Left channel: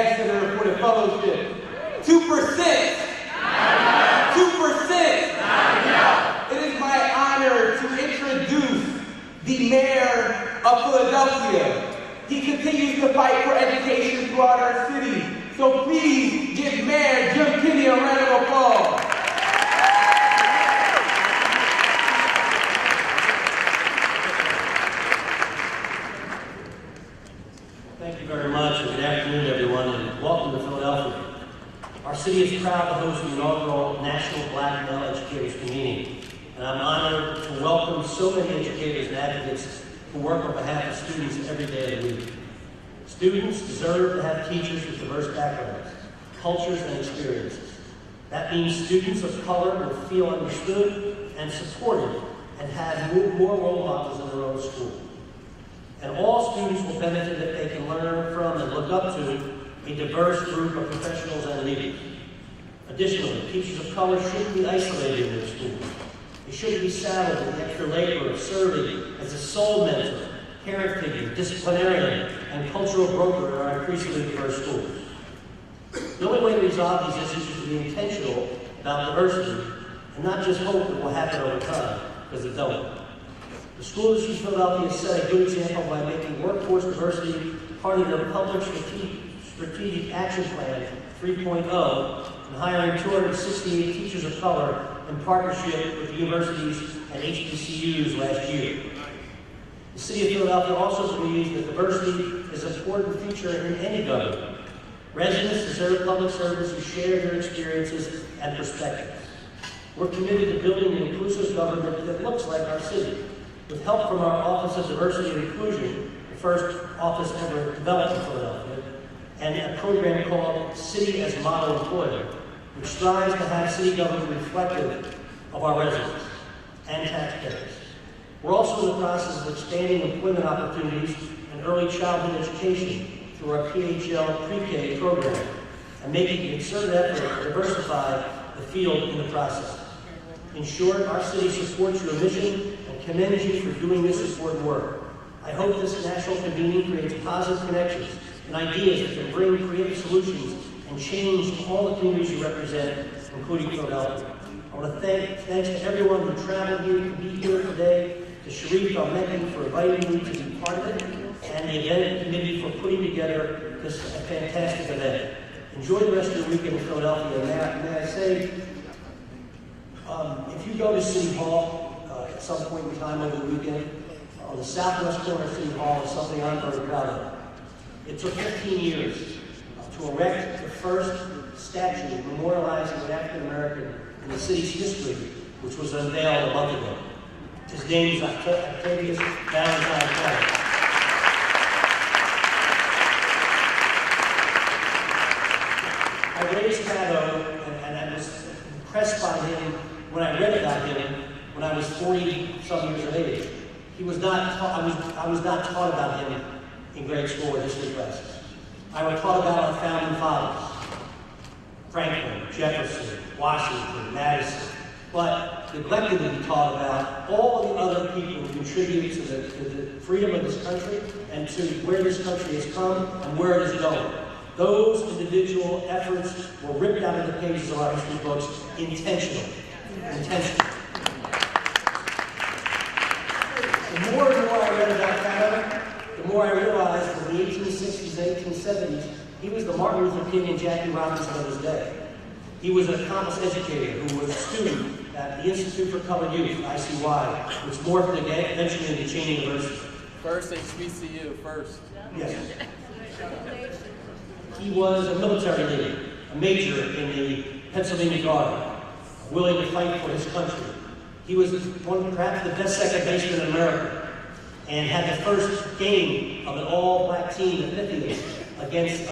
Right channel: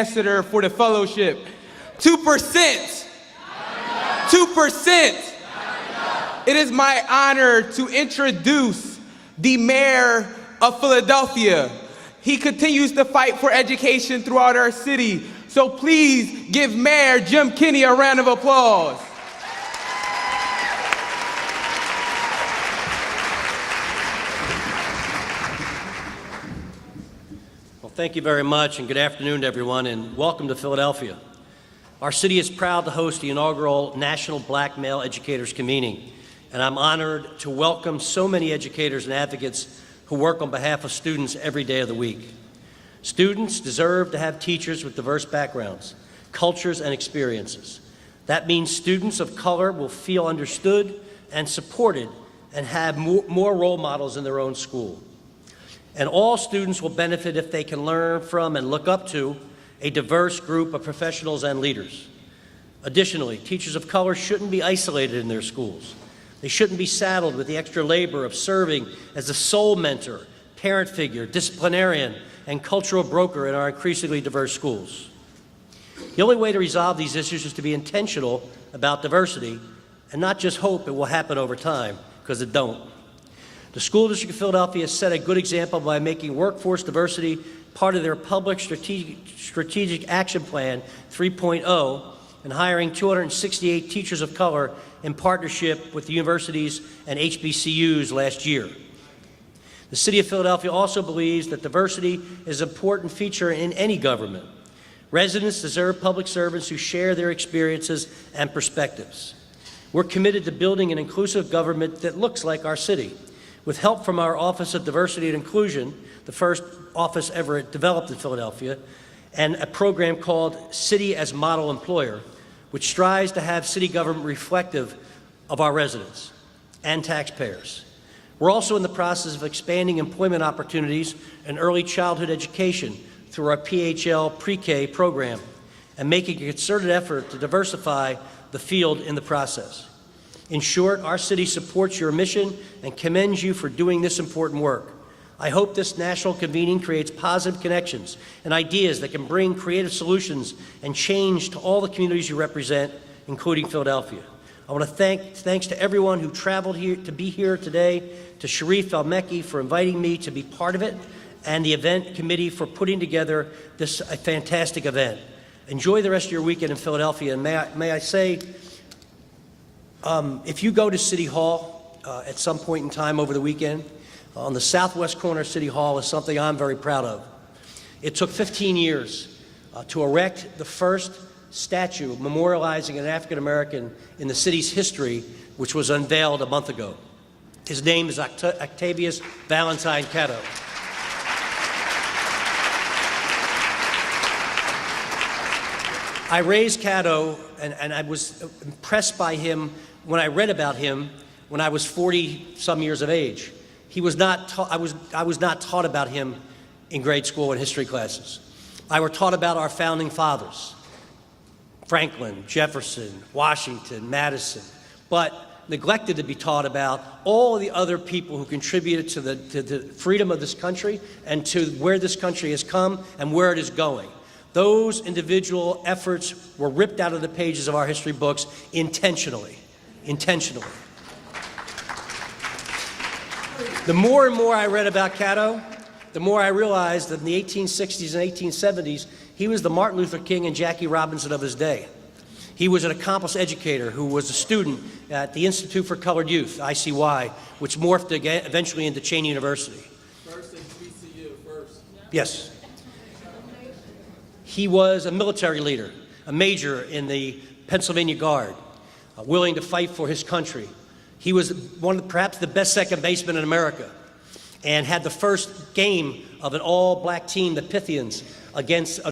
ambassador for the fellowship. 2%. 2%. It is my honor to introduce the mayor of Philadelphia. He continues to fight for education throughout our city. So please give Mayor Jim Kinney a round of applause. Well, thank you very much, and good afternoon to everyone, and welcome to Philadelphia. Our city is proud to host the inaugural National Black Male Educators Convene, and I'm honored to welcome so many educators and advocates who work on behalf of students every day of the week. Students deserve to have teachers with diverse backgrounds, cultures, and experiences. That means students of color will feel understood and supported and have more role models in their own school. And all students will benefit if they can learn from and look up to a diverse group of professionals and leaders. Additionally, teachers of color shouldn't be isolated in their schools. They shouldn't be saddled with the extra labor of serving as a sole mentor, parent figure, disciplinarian, and cultural broker in our increasingly diverse schools. The only way to resolve these issues is to be intentional about diversity and not just hope it will happen over time, because it don't. The School District of Philadelphia set a good example by making workforce diversity part of their public strategic action plan 3.0 and hiring 268 teachers of color in partnership with the universities and HBCUs last year. The City of Philadelphia also believes that diversity is an important feature in any government. Residents deserve public servants who share their experiences and perspectives. We're committed to building an inclusive government that looks like our city. With help from our Office of Diversity and Inclusion, the first office ever developed in Philadelphia, and a program called City as Model Employer, which strives to have city government reflective of our residents and taxpayers. We're also in the process of expanding employment opportunities and early childhood education through our PHL pre-K program and making a concerted effort to diversify the field in the process. In short, our city supports your mission and commends you for doing this important work. I hope this national convening creates positive connections and ideas that can bring creative solutions and change to all the communities you represent, including Philadelphia. I want to thanks to everyone who traveled here to be here today, to Sharif Al-Mekki for inviting me to be part of it, and the event committee for putting together this fantastic event. Enjoy the rest of your weekend in Philadelphia, and may I say, if you go to City Hall at some point in time over the weekend, on the southwest corner of City Hall is something I'm very proud of. It took 15 years to erect the first statue memorializing an African American in the city's history, which was unveiled a month ago. His name is Octavius Valentine Catto. I raised Catto, and I was impressed by him when I read about him when I was 40-some years of age. He was not I was not taught about him in grade school in history classes. I were taught about our founding fathers, Franklin, Jefferson, Washington, Madison, but neglected to be taught about all the other people who contributed to the freedom of this country and to where this country has come and where it is going. Those individual efforts were ripped out of the pages of our history books intentionally. The more and more I read about Catto, the more I realized that in the 1860s and 1870s, he was the Martin Luther King and Jackie Robinson of his day. He was an accomplished educator who was a student at the Institute for Colored Youth, ICY, which morphed again, eventually into Cheyney University. First HBCU, first. Yes. He was a military leader, a major in the Pennsylvania Guard, willing to fight for his country. He was perhaps the best second baseman in America, and had the first game of an all-black team, the Pythians, against